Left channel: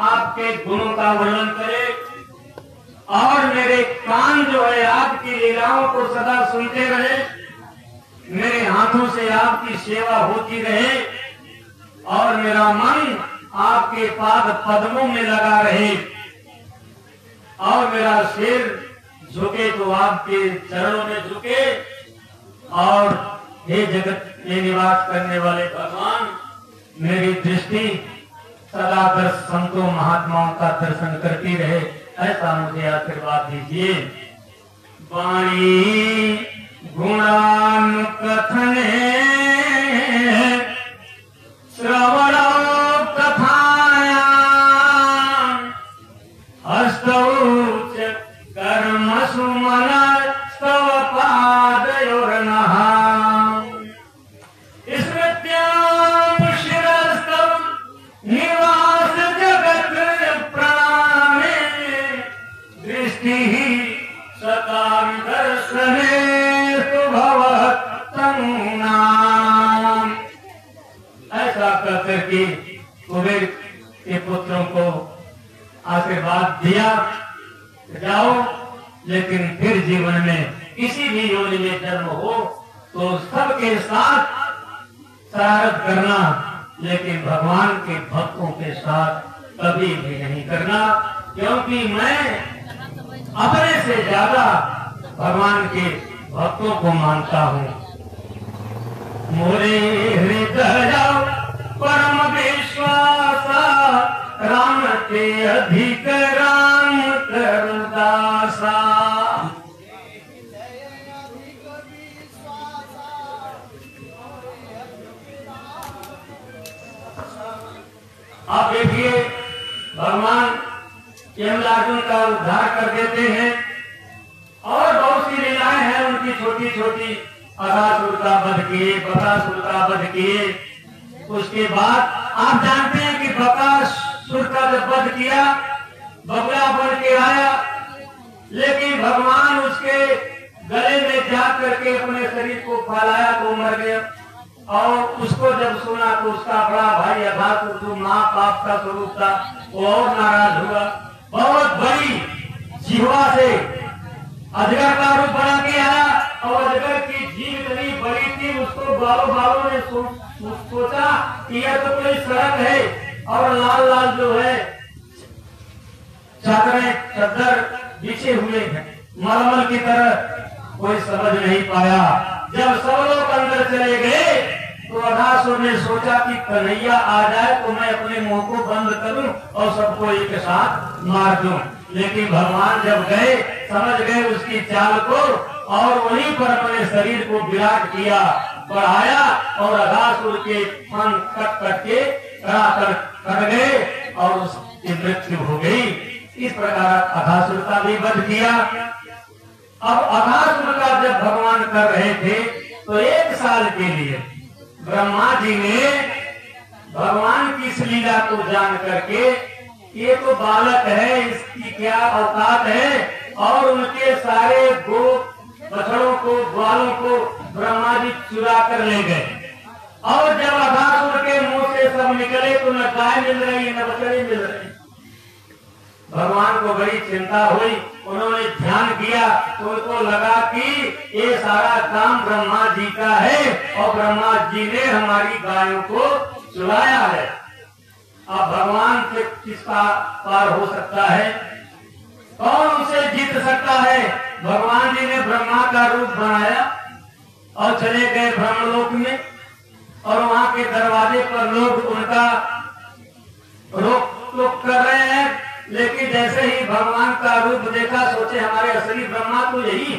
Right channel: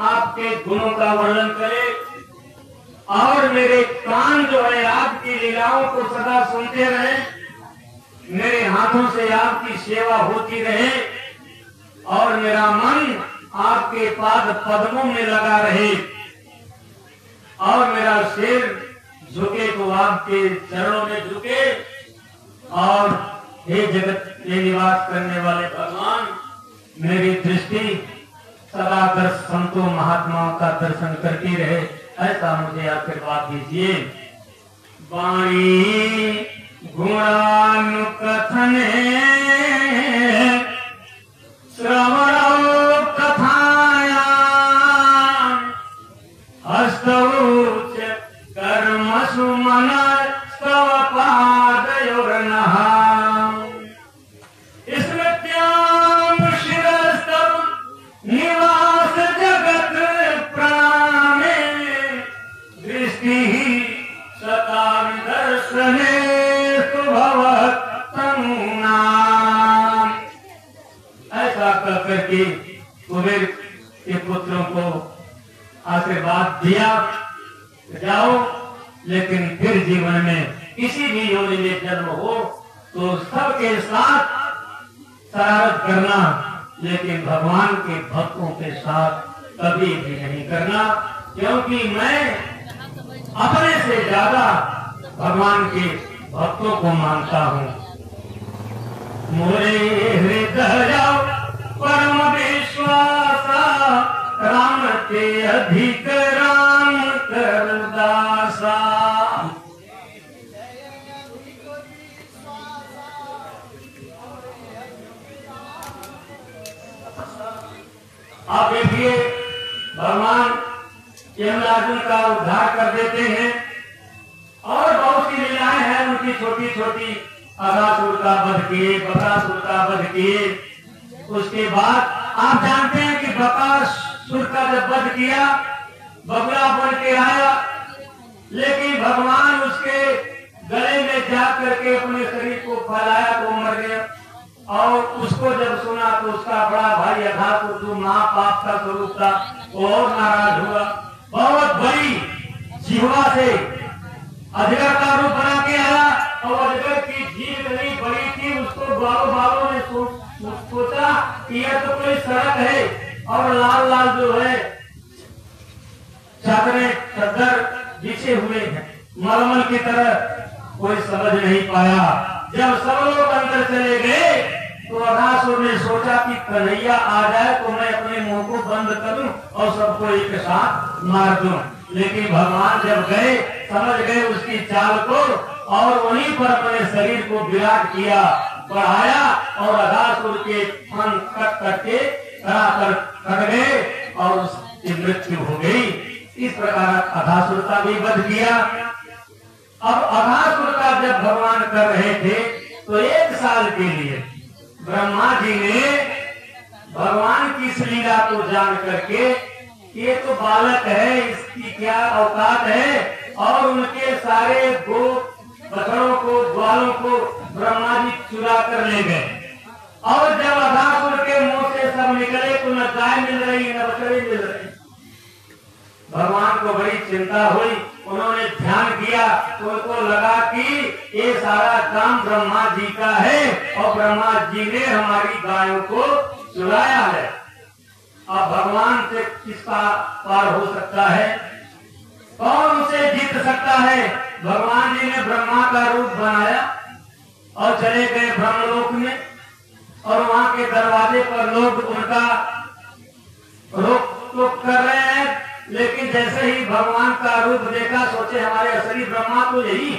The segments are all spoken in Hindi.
आपके गुणों का वर्णन करे और मेरे कान जो है आपकी लीलाओं को सदा सुनते रहे, मेरे हाथों से आपकी सेवा होती रहे और मेरा मन आपके पाद पद्मों में लगा रहे और मेरा सिर झुके तो आपके चरणों में झुके। और हे जगत में निवास करने वाले भगवान, मेरी दृष्टि सदा संतों महात्माओं का दर्शन करती रहे, ऐसा मुझे आशीर्वाद दीजिए। वाणी गुणानुकथने श्रवणो कथायां हस्तौच कर्मसु मनस्तव पादयोर्नः स्मृत्यां शिरस्तव निवास जगत् प्राणे दृष्टिः सदा दर्शने करके कुबेर के पुत्रों को आशीर्वाद दिया, जाओ, लेकिन फिर जीवन में किसी भी योनि में जन्म हो तो सबके साथ शरारत करना, लेकिन भगवान के भक्तों के साथ कभी भी नहीं करना, क्योंकि मैं अपने से ज्यादा भगवान के भक्तों को मानता हूँ। मोरे हृदय परम विश्वासा राम के अधिक राम करदासा। आप देखिए, भगवान यमराजों का उद्धार कर देते हैं और बहुत सी लीलाएं हैं उनकी छोटी छोटी। अघासुर का वध किए, बकासुर का वध किए। उसके बाद आप जानते हैं कि बकासुर का जब वध किया, बगुला बन के आया, लेकिन भगवान उसके गले में जा करके अपने शरीर को फैलाया तो मर गया। और उसको जब सुना तो उसका बड़ा भाई अघासुर, जो महापाप का स्वरूप था, वो और नाराज हुआ। बहुत बड़ी जिह्वा से अजगर का रूप बना के आया और अजगर की जीभ नहीं बड़ी थी। उसको बालों ने सोचा कि यह तो कोई सड़क है और लाल लाल जो है चादर बिछे हुए हैं मलमल की तरह, कोई समझ नहीं पाया। जब सब लोग अंदर चले गए तो अघासुर ने सोचा कि कन्हैया आ जाए तो मैं अपने मुंह को बंद करूं और सबको एक साथ मार दूं। लेकिन भगवान जब गए, समझ गए उसकी चाल को और वहीं पर अपने शरीर को विराट किया, बढ़ाया और अघासुर के पंख कट के कट गए और उसकी मृत्यु हो गई। इस प्रकार अघासुर का भी वध किया। अब अघासुर का जब भगवान कर रहे थे तो 1 साल के लिए ब्रह्मा जी ने भगवान की इस लीला को जान करके, ये तो बालक है, इसकी क्या औकात है, और उनके सारे गो बछड़ों को, ग्वालों को ब्रह्मा जी चुरा कर ले गए। और जब अघासुर के मुंह से सब निकले तो न गाय मिल रही न बछड़े मिल रही। भगवान को बड़ी चिंता हुई। उन्होंने ध्यान किया तो उनको लगा कि ये सारा काम ब्रह्मा जी का है और ब्रह्मा जी ने हमारी गायों को चुराया है। अब भगवान से किसका पार हो सकता है? कौन उसे जीत सकता है? भगवान जी ने ब्रह्मा का रूप बनाया और चले गए ब्रह्मलोक में, और वहाँ के दरवाजे पर लोग उनका रोक टोक कर रहे हैं। लेकिन जैसे ही भगवान का रूप देखा, सोचे हमारे असली ब्रह्मा तो यही।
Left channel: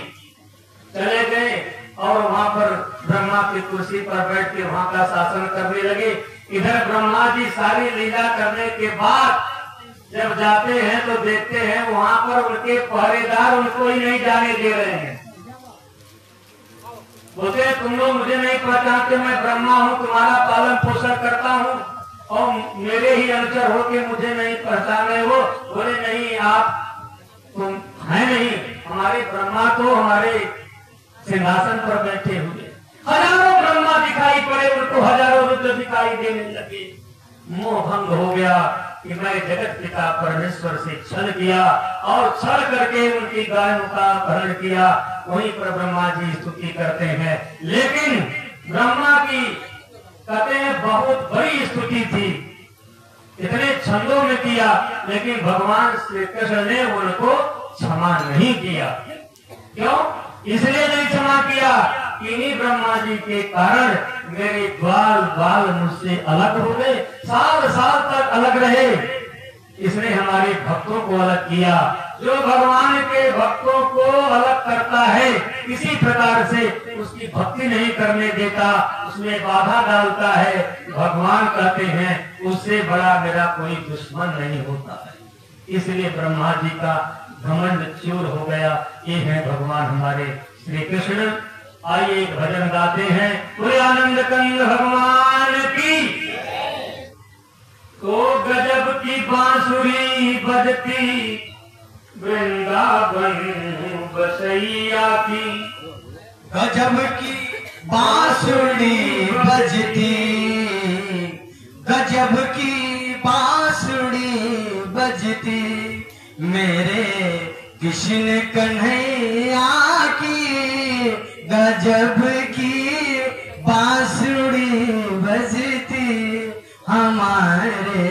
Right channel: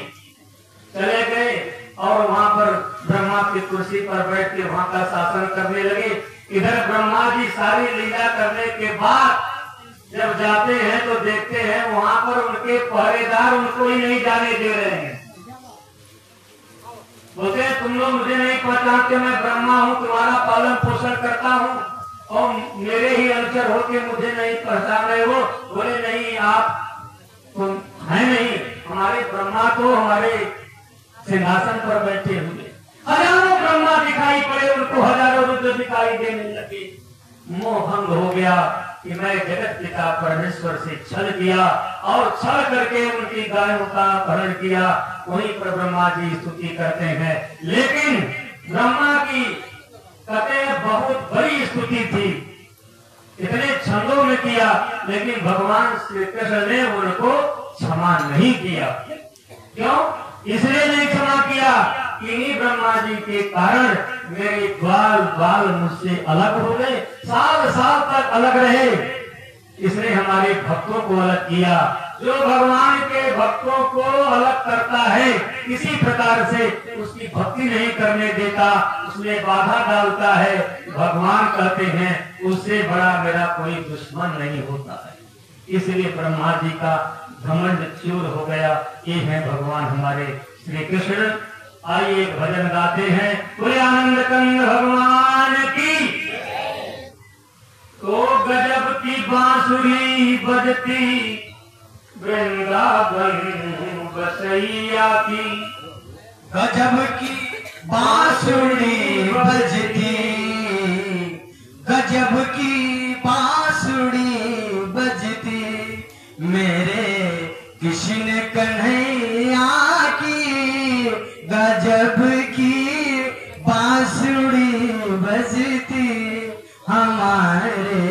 चले गए और वहाँ पर ब्रह्मा की कुर्सी पर बैठ के वहाँ का शासन करने लगे। इधर ब्रह्मा जी सारी लीला करने के बाद जब जाते हैं तो देखते हैं वहाँ पर उनके पहरेदार उनको ही नहीं जाने दे रहे हैं। बोलते तुम लोग मुझे नहीं पहचानते, मैं ब्रह्मा हूँ, तुम्हारा पालन पोषण करता हूँ और मेरे ही अनुचर होके मुझे नहीं पहचान रहे हो। बोले नहीं, आप है नहीं, हमारे ब्रह्मा तो हमारे सिंहासन पर बैठे हुए। हजारों ब्रह्मा दिखाई पड़े, उनको हजारों रुद्र दिखाई देने लगे। मोह भंग हो गया। कि मैं जगत पिता परमेश्वर से छल किया और छल करके उनकी गायों का अपहरण किया। वहीं पर ब्रह्मा जी स्तुति करते हैं, लेकिन ब्रह्मा की कहते बहुत बड़ी स्तुति थी, इतने छंदों में किया, लेकिन भगवान श्री कृष्ण ने उनको क्षमा नहीं किया। क्यों? इसलिए नहीं क्षमा किया, इन्हीं ब्रह्मा जी के कारण मेरे बाल बाल मुझसे अलग हो गए, साल साल तक अलग रहे। इसने हमारे भक्तों को अलग किया। जो भगवान के भक्तों को अलग करता है, किसी प्रकार से उसकी भक्ति नहीं करने देता, उसमें बाधा डालता है, भगवान कहते हैं उससे बड़ा मेरा कोई दुश्मन नहीं होता है। इसलिए ब्रह्मा जी का घमंड चूर हो गया। ये है भगवान हमारे श्री कृष्ण। आइए एक भजन गाते हैं, पूरे आनंद कंद भगवान की। तो गजब की बांसुरी बजती वृंदावन बसैया की, गजब की बांसुरी बजती, गजब की बांसुरी बजती, मेरे कृष्ण कन्हैया की, गजब की बांसुरी बजती, हमारे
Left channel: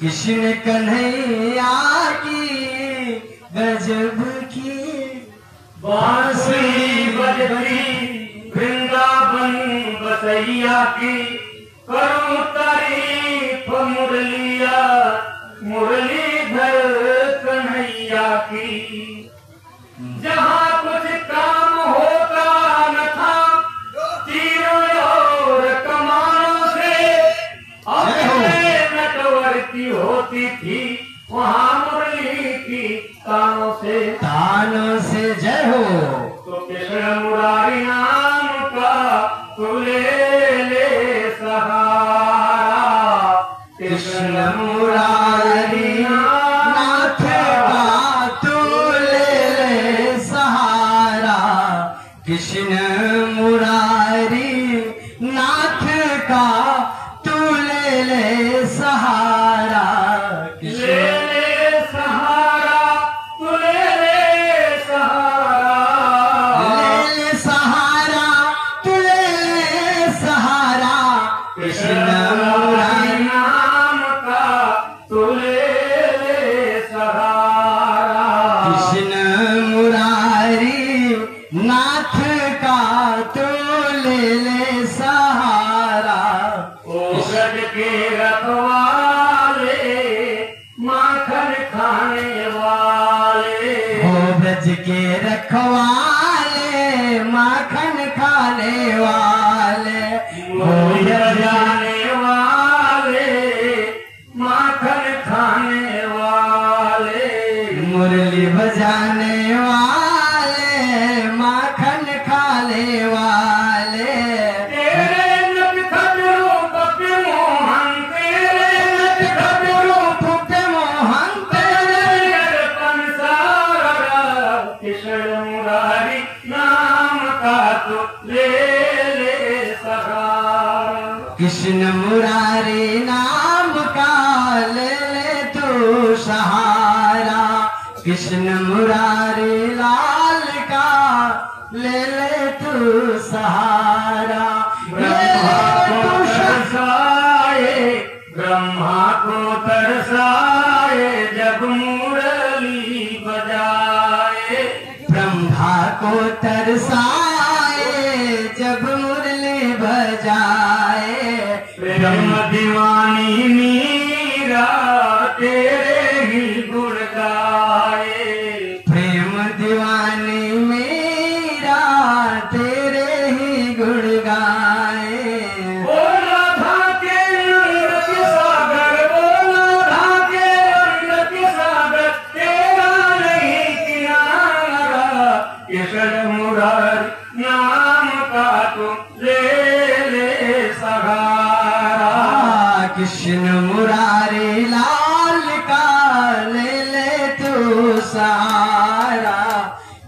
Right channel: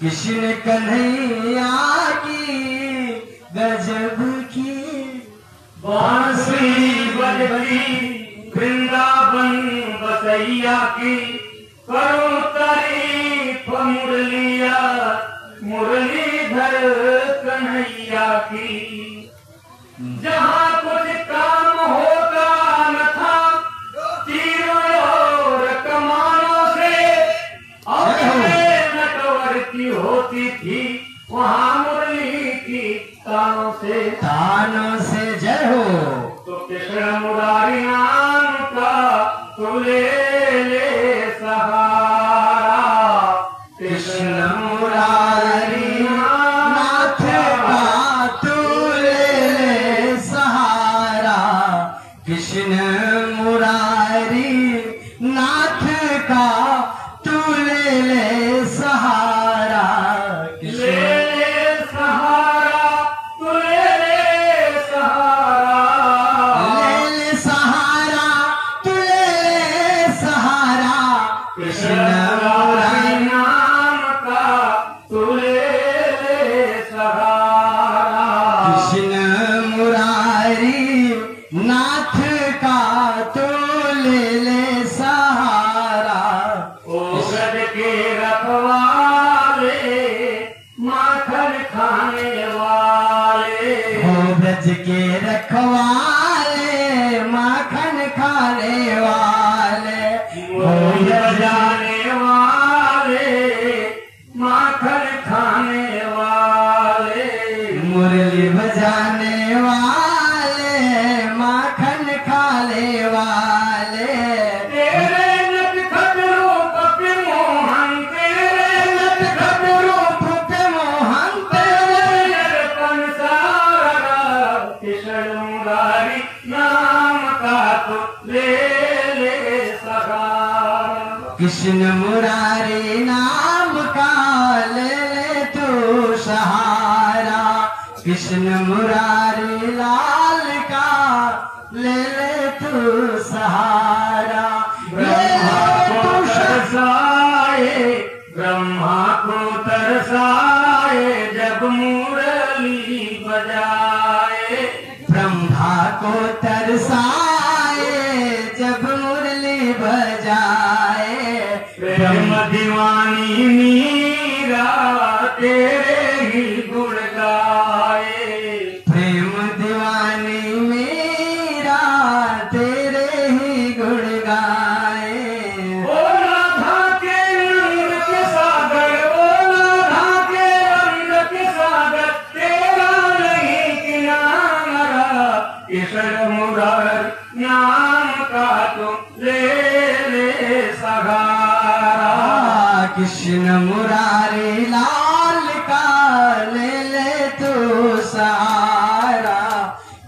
कृष्ण कन्हैया की, गजब की बांसुरी बजती वृंदावन बसैया की, करूं तारीफ मुरलिया मुरलीधर कन्हैया की। जहाँ कुछ काम होता न था तीरों और कमानों से, अपने नटवर की होती थी वहाँ मुरली की तानों से। तानों से जय हो। तो कृष्ण मुरारी नाम का तू ले सहारा, कृष्ण मुरारी नाथ का तू ले सहारा, कृष्ण मुरारी नाथ का तू ले सहारा, ले सहारा तू ले सहारा, ले सहारा तू ले सहारा, कृष्ण मुरारी नाम का तू ले सहारा, कृष्ण मुरारी नाथ का तो ले सहारा। ओ गज के रखवाले माखन खाने वाले, हो ब्रज के रखवाले माखन खाने वाले, मोर बजाने वाले माखन खाने वाले, मुरली बजाने वाले माखन खाने वाले, तेरे नटखट रूप पे मोहन, तेरे नटखट रूप पे मोहन तेरे कंसारा, कृष्ण मुरारी नाम का तू ले सहारा, कृष्ण मुरारी नाम का ले तू सहारा, कृष्ण मुरारी लाल का ले तू सहारा। ब्रह्मा को तरसाए जब मुरली बजाए, ब्रह्मा को तरसाए जब मुरली बजाए, प्रेम दीवानी मीरा तेरे ही गुण गाए, प्रेम दीवानी मेरा तेरे ही गुण गाए। ओ राधा के रंग के सागर, ओ राधा के रंग के सागर, तेरा नहीं किनारा, कृष्ण मुरारी नाम का तू ले सहारा, कृष्ण मुरारी लाल का ले तू सहारा,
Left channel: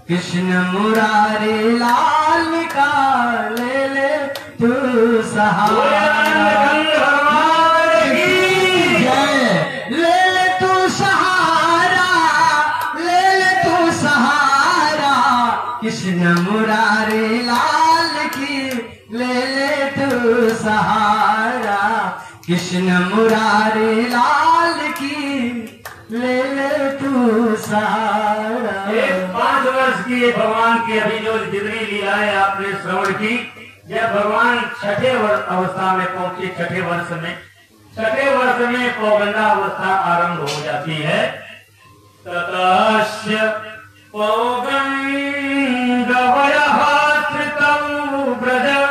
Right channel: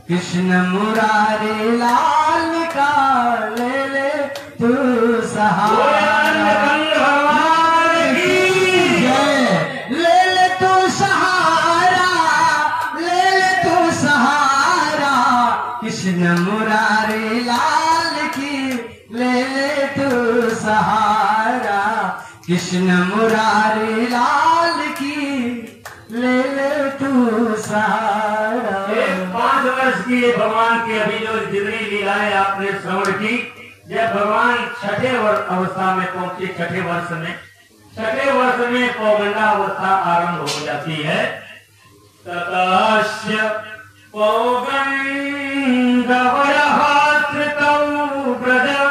कृष्ण मुरारी लाल का ले तू सहारा। जय ले कृष्ण मुरारी लाल की ले ले तू सहारा। 5 वर्ष की भगवान की अभी जो जितनी लीलाएं आपने श्रवण की, जब भगवान छठे अवस्था में पहुंचे, छठे वर्ष में पौगंडा अवस्था आरंभ हो जाती है। ततस्य पौगंडवयः श्रितौ ब्रजौ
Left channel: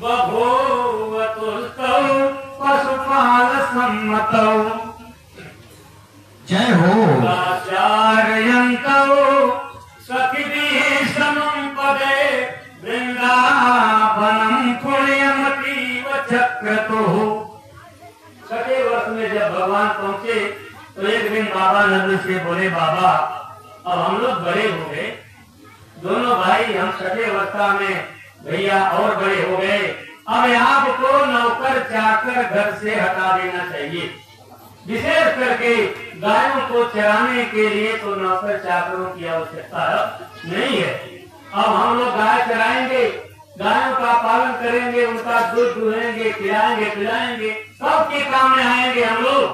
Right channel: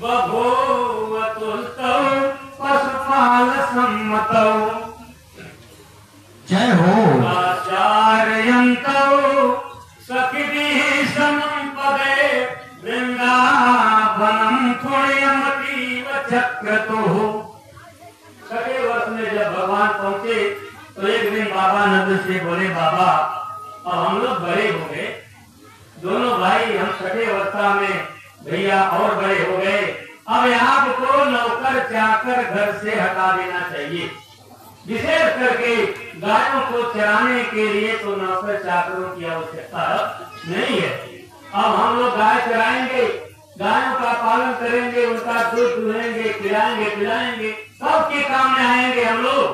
बभूव तुष्टौ पशुपाल सम्मतौ जय हो। आचार्यन्तौ सखिभिः समं पदे वृंदावनम पुण्यमतीव चक्रतुः। छठे वर्ष में जब भगवान पहुंचे तो एक दिन बाबा नंद से बोले, बाबा अब हम लोग बड़े हो गए, दोनों भाई हम छठे अवस्था में भैया और बड़े हो गए, अब आपको नौकर चाकर घर से हटा देना चाहिए। विशेष करके गायों को चराने के लिए तो नौकर चाकरों की आवश्यकता नहीं है। अब हम लोग गाय चराएंगे, गायों का पालन करेंगे, उनका दूध दुहेंगे, खिलाएंगे पिलाएंगे, सबके काम में आएंगे हम लोग,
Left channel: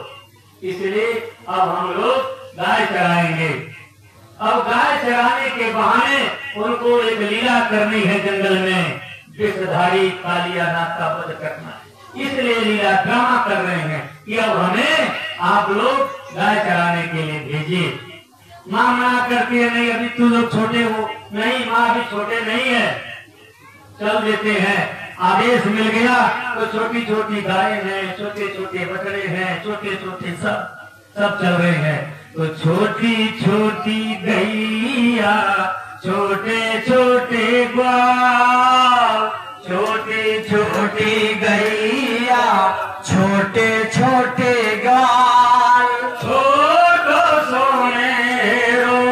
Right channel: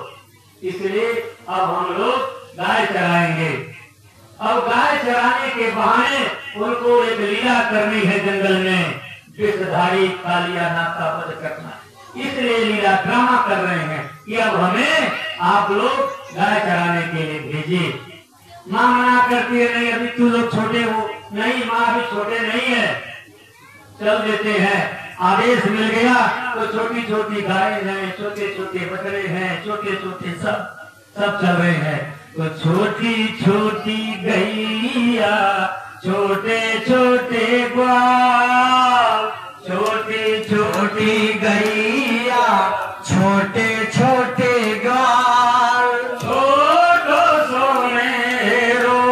इसलिए अब हम लोग गाय चराएंगे। अब गाय चराने के बहाने उनको एक लीला करनी है जंगल में, विषधारी कालियानाग का वध करना, इसलिए लीला ड्रामा कर रहे हैं कि अब हमें आप लोग गाय चराने के लिए भेजिए। माँ मना करती है, नहीं अभी तू लोग छोटे हो। नहीं माँ अभी छोटे नहीं है, चल देते हैं। आदेश मिल गया तो छोटी छोटी गाय हैं, छोटे छोटे बछड़े हैं, छोटे छोटे सब चल रहे हैं। तो छोटी छोटी गैया, छोटे छोटे ग्वाल, छोटी छोटी गैया, छोटे छोटे ग्वाल, छोटो सोनेरो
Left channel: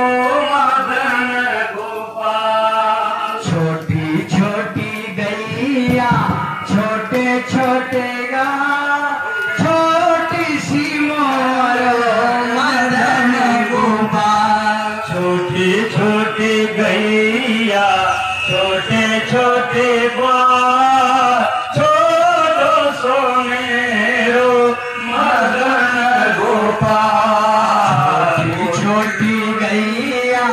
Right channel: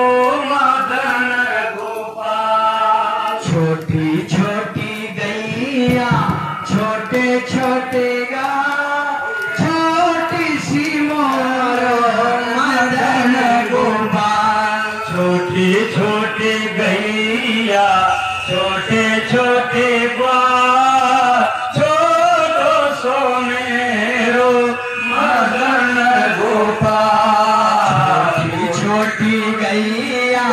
मदन गोपाल। छोटी छोटी गैया, छोटे छोटे ग्वाल, छोटी सी मोरो मदन गोपाल। छोटी छोटी गैया, छोटे छोटे ग्वाल, छोटो सोनेरो मदन गोपाल। छोटी छोटी गैया,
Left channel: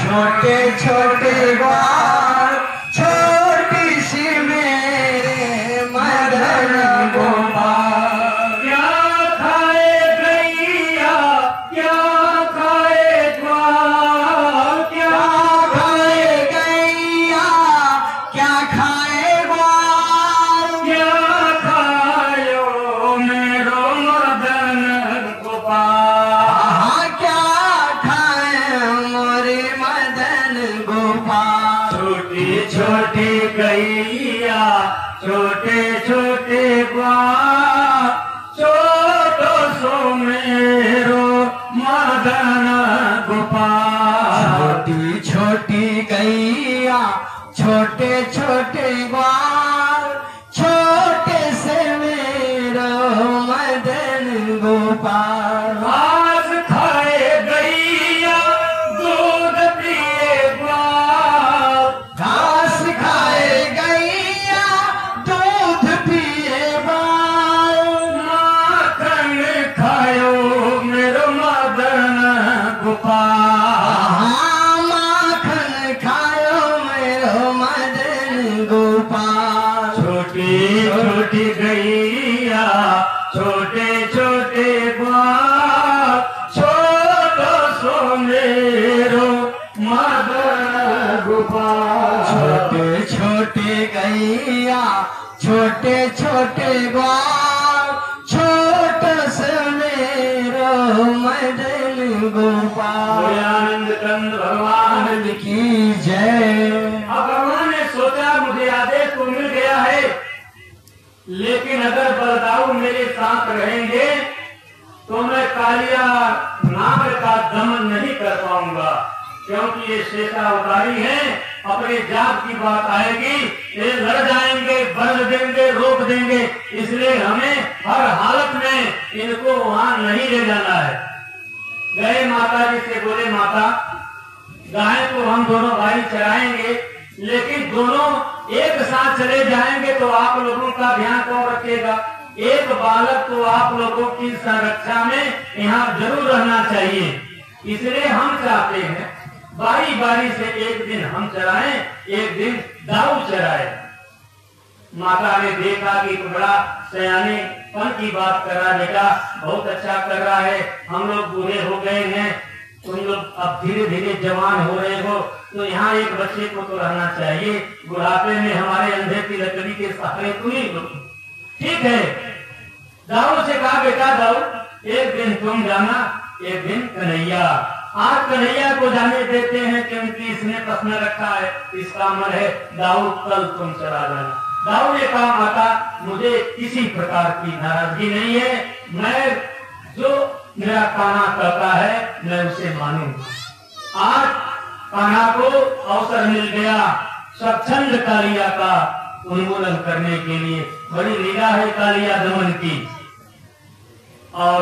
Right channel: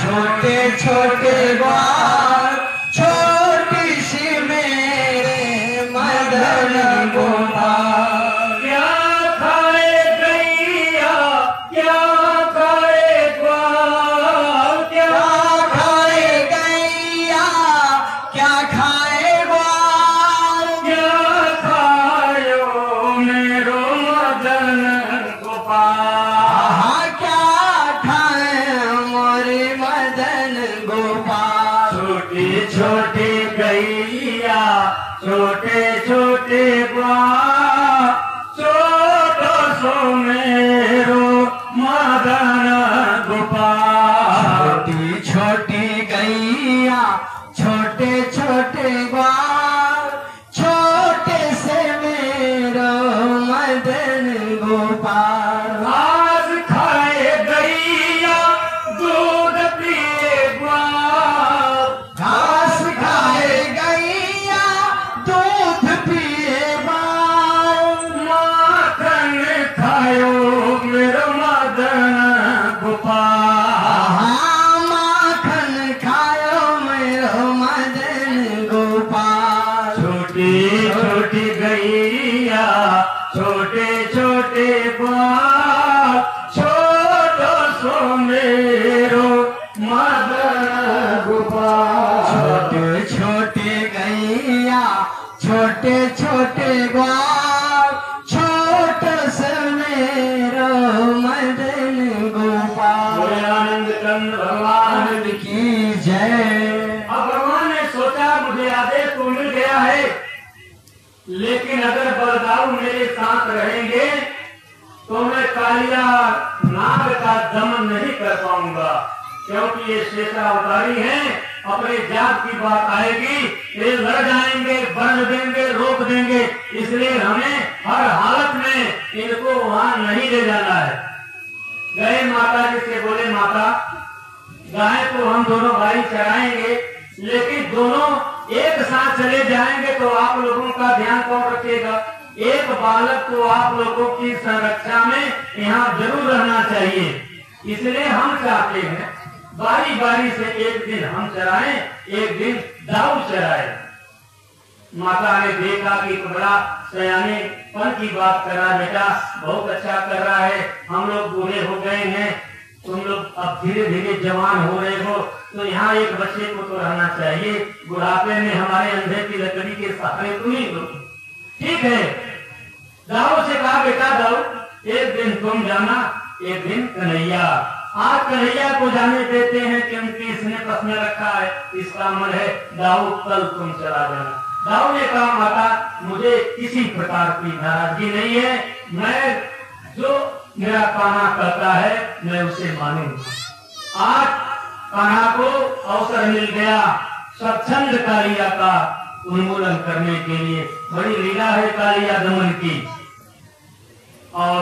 छोटे छोटे ग्वाल, छोटी सी मेरे मदन गोपाल। क्या खाए गैया, क्या खाए ग्वाल, क्या खाए गैया, क्या खाए ग्वाल, क्या खायो मेरो मदन गोपाल। क्या खाए मोरे मदन गोपाल। छोटी छोटी गैया, छोटे छोटे ग्वाल, छोटो सो मेरो मदन गोपाल। छोटी छोटी गैया, छोटे छोटे ग्वाल, छोटे से मेरो मदन गोपाल। घास खाए गैया, दूध पिए ग्वाल, घास खाए गैया, दूध पिए ग्वाल। माखन खायो मेरो मदन गोपाल। माखन खायो मेरो मदन गोपाल। छोटी छोटी गैया, छोटे छोटे ग्वाल, छोटो सो मेरो मदन गोपाल। छोटे छोटे गैया, छोटे छोटे ग्वाल, छोटो सो मेरो मदन गोपाल। आनंद कंद भगवान की जय। अब भगवान ने सोचा मुझे आदेश तो मिल गया है, लेकिन अगर बलदाऊ मेरे साथ रहेंगे तो मैं कालिया नाग का दमन नहीं कर पाऊंगा, क्योंकि ये शेषावतारी है, अपने जात की बात आएगी ये लड़ जाएंगे, बंद देंगे, रोक देंगे, इसलिए हमें हर हालत में इनको वहां नहीं ले जाना है। गए माता जी से बोले, माता गाय तो हम दोनों भाई चराएंगे, लेकिन दोनों एक साथ चले जाएंगे तो आप लोगों का ध्यान कौन रखेगा? एक बालक तो आप लोगों की संरक्षा में यहाँ जरूर रहना चाहिए। इसलिए हम चाहते हैं बारी बारी से एक दिन हम चराएं, एक दिन दाऊ चराए। माता ने देखा कि बड़ा सयानेपन की बात कर रहा, बेटा बहुत अच्छा कर रहा है, हम लोग बूढ़े हो गए हैं, तुम लोग अब धीरे धीरे जवान हो रहे हो, तो यहाँ एक बच्चे को तो रहना चाहिए, बुढ़ापे में हमारे अंधे की लकड़ी के सहारे तुम ही हो। ठीक है, दाऊ से कहा बेटा दाऊ एक दिन तुम जाना, एक दिन कन्हैया। आज कन्हैया को जाने देते हैं क्योंकि इसने प्रश्न रखा है, इसका मन है दाऊ कल तुम चला जाना। दाऊ ने कहा माता मुझे किसी प्रकार की नाराजगी नहीं है, मैं जो मेरा कान्हा कहता है मैं उसे मानूंगा। आज कान्हा को अवसर मिल गया स्वच्छंद कालिया का उन्मूलन करने के लिए। बड़ी लीला है कालिया दमन की। और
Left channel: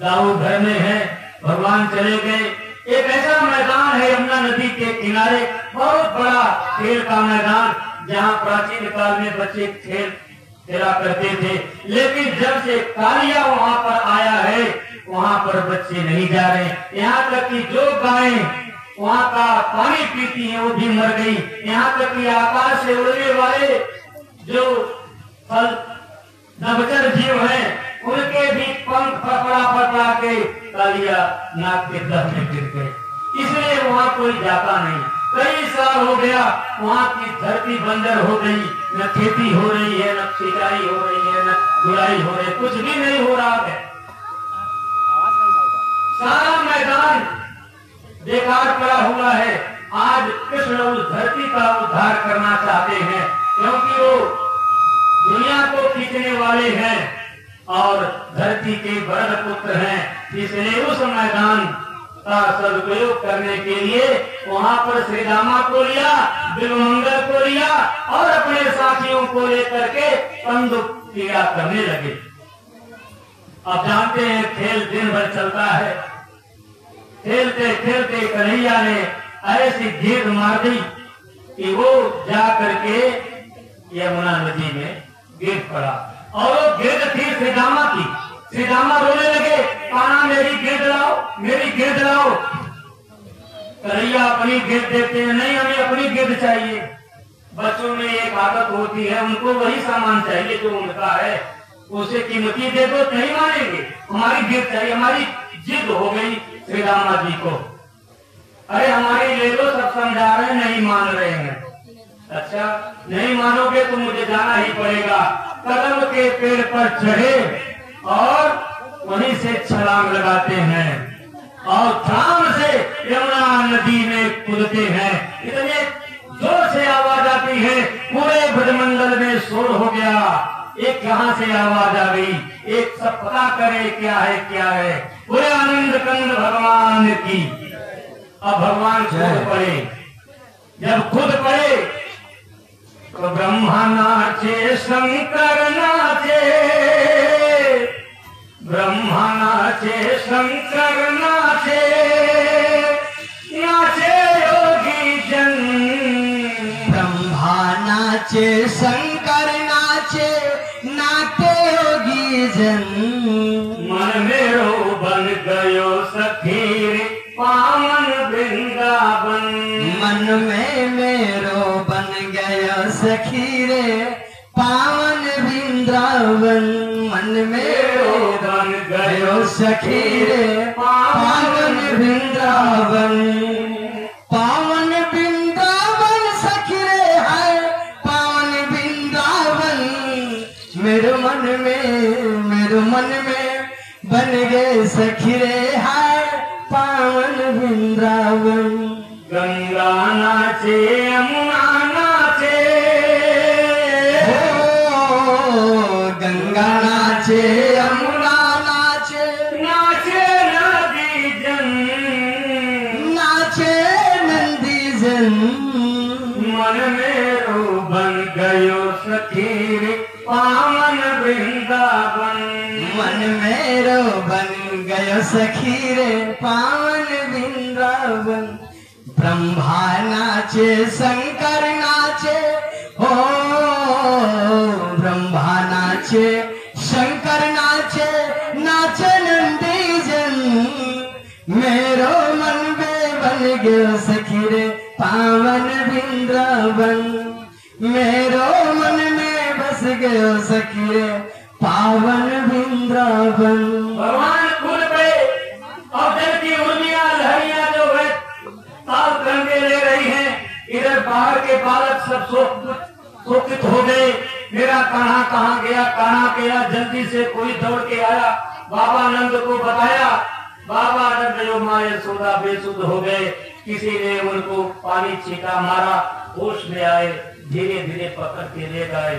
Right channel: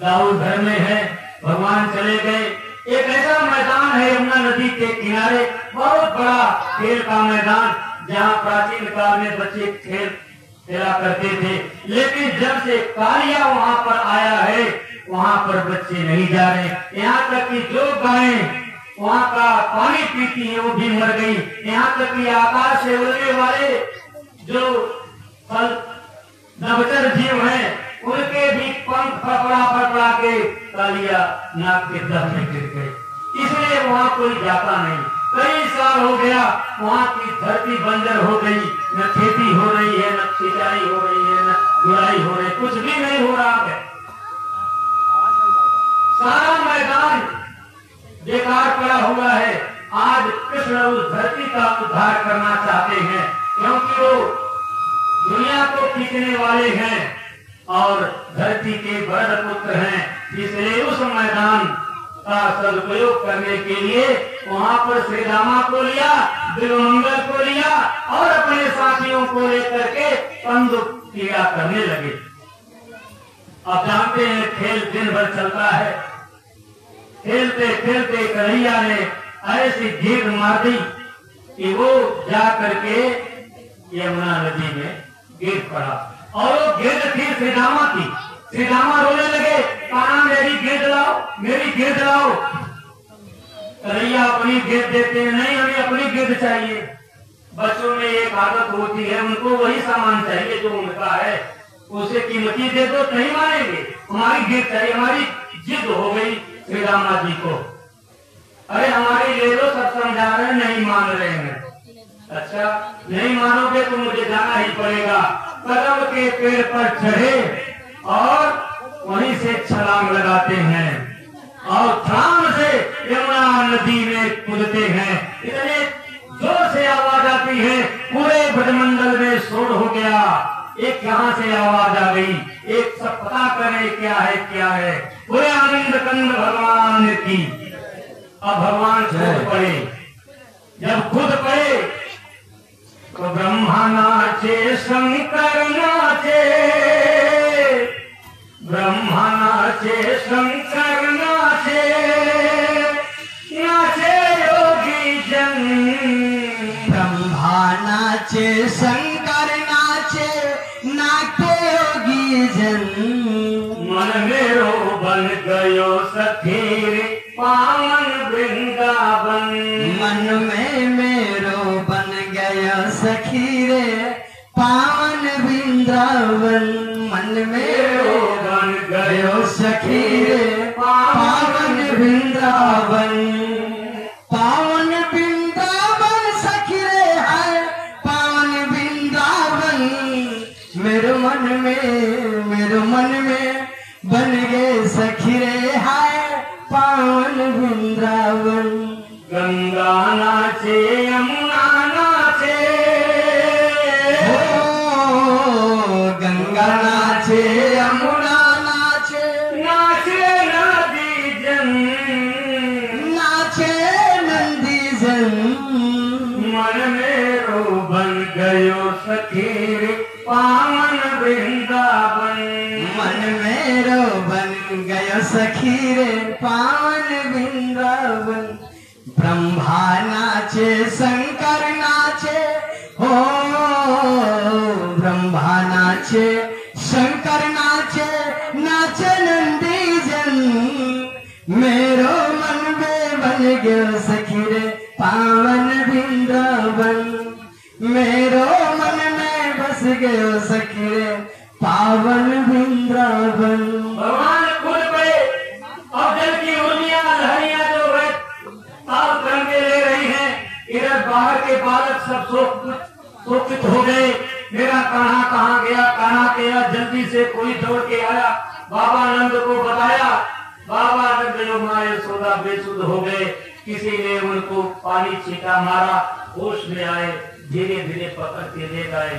दाऊ घर में है, भगवान चले गए। एक ऐसा मैदान है यमुना नदी के किनारे, बहुत बड़ा खेल का मैदान, जहाँ प्राचीन काल में बच्चे खेला करते थे। लेकिन जब से कालिया वहाँ पर आया है वहाँ पर बच्चे नहीं जा रहे। यहाँ तक कि जो गायें वहाँ का पानी पीती है वो भी मर गई। यहाँ तक कि आकाश से उड़ने वाले जो नवचर जीव हैं उनके भी पंख फड़फड़ा के कालिया नाक के दर में गिर गए। इसलिए वहाँ कोई जाता नहीं। कई साल हो गया वहाँ की धरती बंजर हो गई, न खेती हो रही है, न सिंचाई हो रही है, न गुड़ाई हो रही है, कुछ भी नहीं हो रहा है। सारा मैदान बेकार पड़ा हुआ है। आज कृष्ण उस धरती का उद्धार करना चाहते हैं क्योंकि वो दुनिया को खींचने वाले हैं और धरती के बड़ पुत्र हैं। इसलिए उस मैदान का सदुपयोग करने के लिए वहाँ पर श्री रामा को लिया, बिल्वमंगल को लिया और अपने साथियों को लेकर के कंदुक क्रीड़ा करने लगे। अब जानते हैं खेल दिन भर चलता है। खेलते खेलते कन्हैया ने ऐसी घेत मार दी कि वो जा करके यमुना नदी में गिर पड़ा। और वो गिरद थी श्री रामा की। श्री रामा रोने लगे, कहा मेरी गिरद लाओ, मेरी गिरद लाओ। कन्हैया अपनी गिरद देते हैं, नहीं हमें अपनी गिरद चाहिए। बच्चों में एक आदत होती है, उनको वही सामान चाहिए जो उनका है, उसे कीमती दे दो नहीं मानेंगे, हमारी गिरद चाहिए। हमारी जिद हो गई श्री रामा जी को, अरे हमारी ले लो, सब समझा रहे नहीं मान रहे हैं। अच्छा नहीं मानोगे तो मुझे जाना ही पड़ेगा। कदम के पेड़ पर चढ़े और वहीं से छलांग लगाते हैं और छलांग से यमुना नदी में कूदते हैं। इतने जोर से आवाज आती है, पूरे ब्रजमंडल में शोर हो गया। एक कहाँ से आवाज आ गई, एक सब पता करे क्या है क्या है। पूरे आनंद कंद भगवान की। अब भगवान खुद पड़े, जब खुद पड़े तो ब्रह्मा नाचे, शंकर नाचे, ब्रह्मा नाचे, शंकर नाचे, नाचे योगी जन। ब्रह्मा नाचे, शंकर नाचे, नाचे योगी जन। मन मेरो बन गयो सखी रे पावन वृंदावन। मन में मेरो बन गयो सखी रे पावन वृंदावन। मन मेरो बन गयो सखी रे पावन वृंदावन। पावन वृंदावन सखी रे है पावन वृंदावन। मेरे मन में बन गए सखी रे है पावन वृंदावन। गंगा नाचे, यमुना नाचे, गंगा नाचे, यमुना नाचे, नाचे नदी जन, नाचे नंदी जन। मन मेरो बन गयो सखी रे पावन वृंदावन। मन मेरो बन गयो सखी रे पावन वृंदावन। ब्रह्मा नाचे, शंकर नाचे, हो ब्रह्मा नाचे, नाचे नंदी जन मेरो मन में बन गयो सखी रे पावन वृंदावन मेरो मन में बस गयो सखी रे पावन वृंदावन। भगवान फूल पे और जल की उर्मियां लहरियां जो है ताल तरंगे ले रही हैं, इधर बाहर के बालक सब शोकित हो गए। मेरा कान्हा कहाँ गया, कान्हा गया। जल्दी से कोई दौड़ के आया, बाबा नंद को बताया। बाबा नंद जो मारे सोदा बेसुध हो गए। किसी ने उनको पानी छींटा मारा, होश में आए, धीरे धीरे पकड़ के ले गए।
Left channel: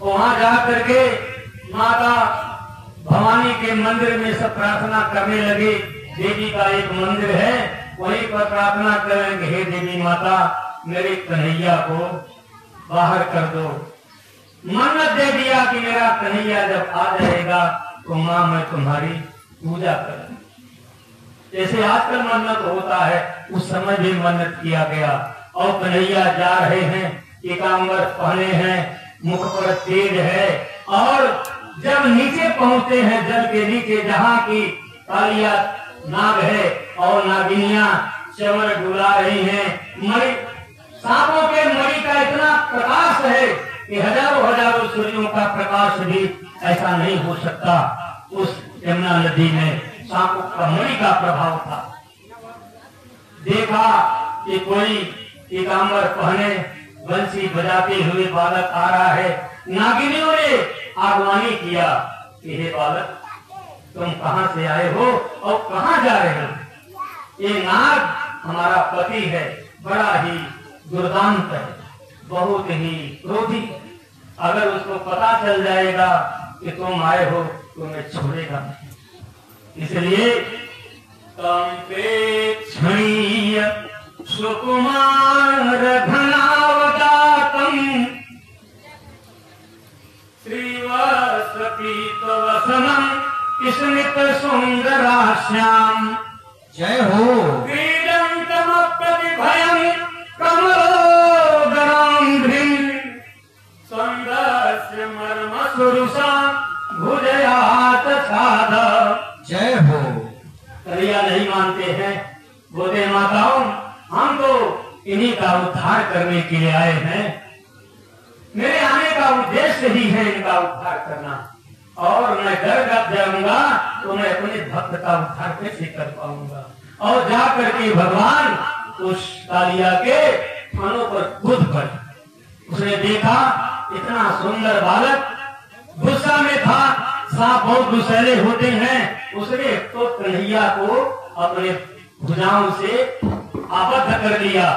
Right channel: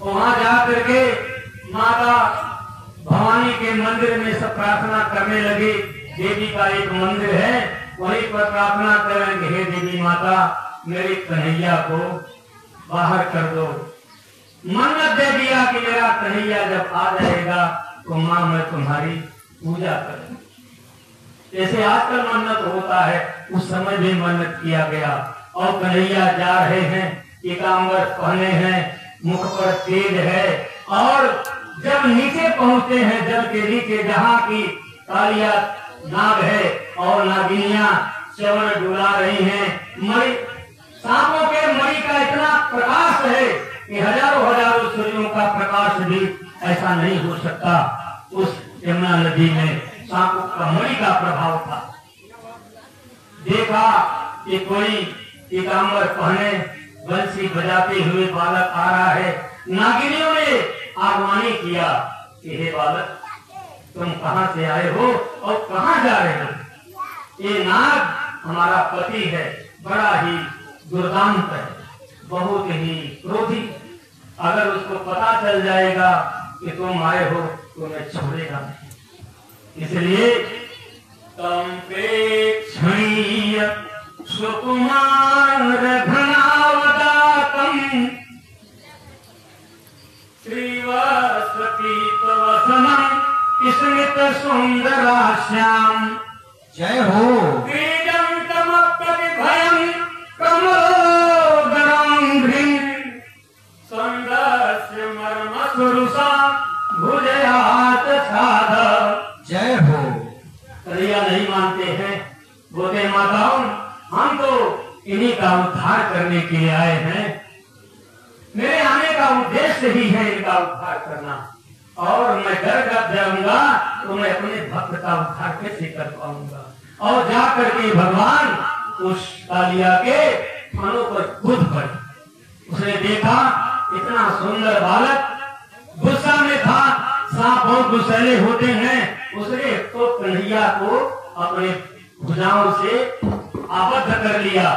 वहां जा करके माता भवानी के मंदिर में सब प्रार्थना करने लगे। देवी का एक मंदिर है, वहीं पर प्रार्थना करेंगे, हे देवी माता मेरे कन्हैया को बाहर कर दो। मन्नत दे दिया कि मेरा कन्हैया जब आ जाएगा तो माँ मैं तुम्हारी पूजा करूंगी। जैसे आजकल मन्नत होता है, उस समय भी मन्नत किया गया। और कन्हैया जा रहे हैं, पीताम्बर पहने हैं, मुख पर तेज है। और जब नीचे पहुंचते हैं, जल के नीचे जहाँ की कालिया नाग है और नागिनियां चवर डुला रही हैं, मणि सांपों के मणि का इतना प्रकाश है कि हजारों हजारों सूर्यों का प्रकाश भी ऐसा नहीं हो सकता। उस यमुना नदी में सांपों का मणि का प्रभाव था। देखा कि कोई पीताम्बर पहने बंसी बजाते हुए बालक आ रहा है। नागिनियों ने आह्वानी किया कि हे बालक तुम कहाँ से आए हो और कहाँ जा रहे हो? ये नाग हमारा पति है, बड़ा ही दुर्दांत है, बहुत ही क्रोधी। अगर उसको पता चल जाएगा कि तुम आए हो तो मैं छोड़ेगा नहीं। इसलिए तम पे क्षणीय सुकुमार घनावदातम श्रीवसपीतवसनम स्मित सुंदराश्याम। जय हो। क्रीडन्तमप्रतिभयम् कमलोदराम्भ्रीम् सौन्दर्यस्य मर्मसुरुषा भुजयात साध। जय हो। कन्हैया नहीं मानते हैं, बोले माताओं हम तो इन्हीं का उद्धार करने के लिए आए हैं। मेरे आने का उद्देश्य ही है इनका उद्धार करना, और मैं डर जाऊंगा तो मैं अपने भक्त का उद्धार कैसे कर पाऊंगा। और जा करके भगवान उस कालिया के फनों पर कूद पड़े। उसने देखा इतना सुंदर बालक, गुस्सा में था, सांप बहुत गुस्सैले होते हैं। उसने तो कन्हैया को अपने भुजाओं से आबद्ध कर लिया।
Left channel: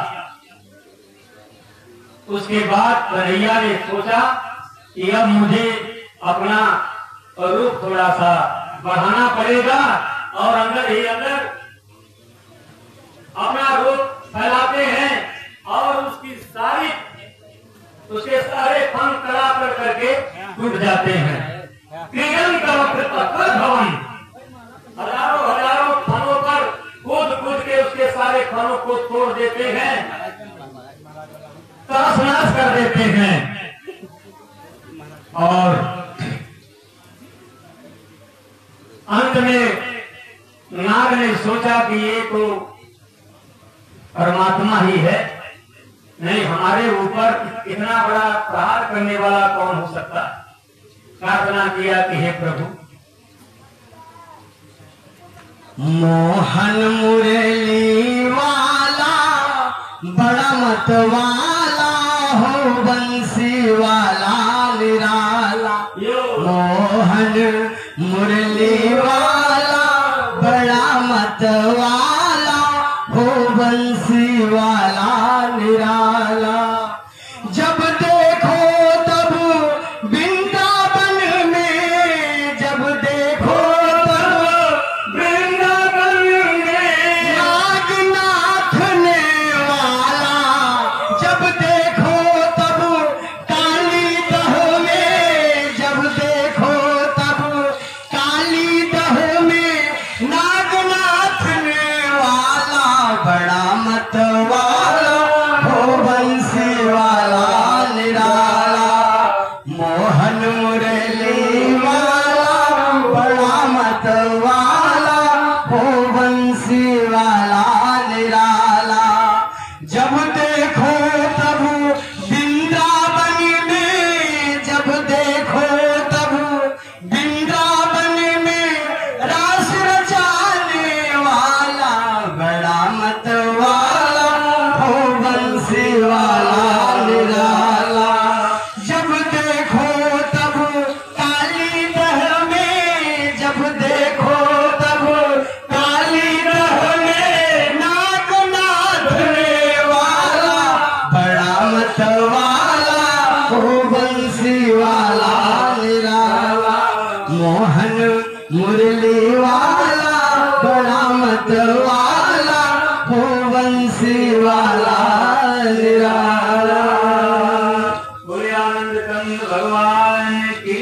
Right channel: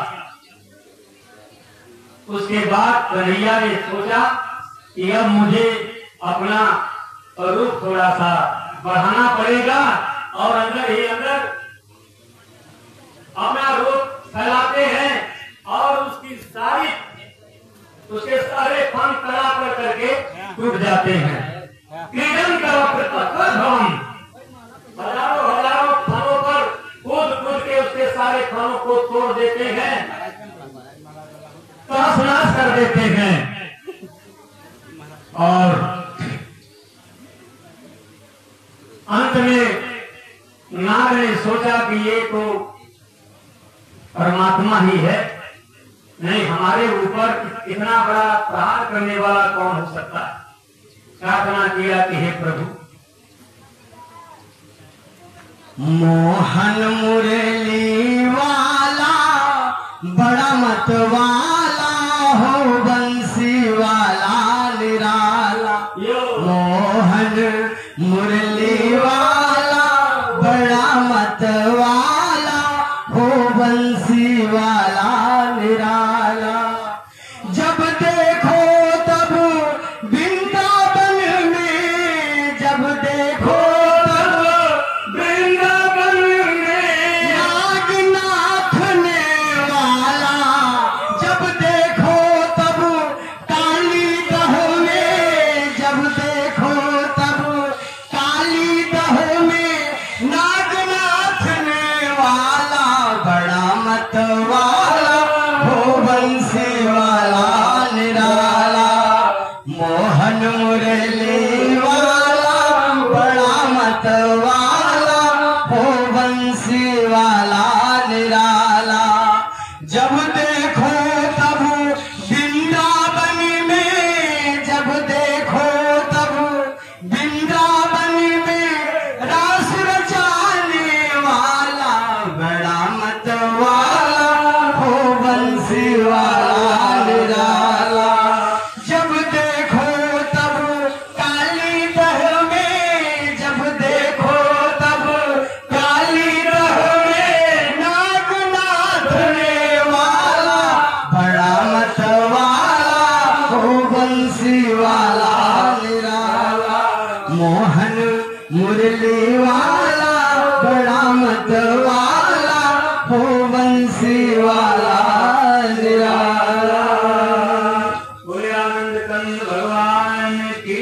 उसके बाद कन्हैया ने सोचा कि अब मुझे अपना रूप थोड़ा सा बढ़ाना पड़ेगा, और अंदर ही अंदर अपना रूप फैलाते हैं और उसके सारे फन कड़ा कर करके टूट जाते हैं। क्रीडन का भवन, हजारों हजारों फनों पर कूद कूद के उसके सारे फनों को तोड़ देते हैं, तहस नहस कर देते हैं। और अंत में नाग ने सोचा कि ये तो परमात्मा ही है, नहीं हमारे ऊपर इतना बड़ा प्रहार करने वाला कौन हो सकता है। प्रार्थना किया कि हे प्रभु मोहन मुरली वाला बड़ा मत वाला हो, बंसी वाला निराला। मोहन मुरली वाला बड़ा मत वाला हो, बंसी वाला निराला। जब देखो तब वृंदावन में, जब देखो तब वृंदावन में नागनाथ ने वाला। जब देखो तब काली दह में, जब देखो तब काली दह में नागनाथ ने वाला बड़ा मत वाला मत वाला हो बंसी वाला निराला। जब देखो तब वृंदावन में, जब देखो तब वृंदावन में रास रचाने वाला, बड़ा मत वाला हो बंसी वाला निराला। जब देखो तब काली दह में, जब देखो तब काली दह में नाग नाथने वाला, बड़ा मत वाला हो बंसी वाला निराला। मोहन मुरली वाला, बड़ा मत वाला हो बंसी वाला निराला। बोले आनंद कंद भगवान की।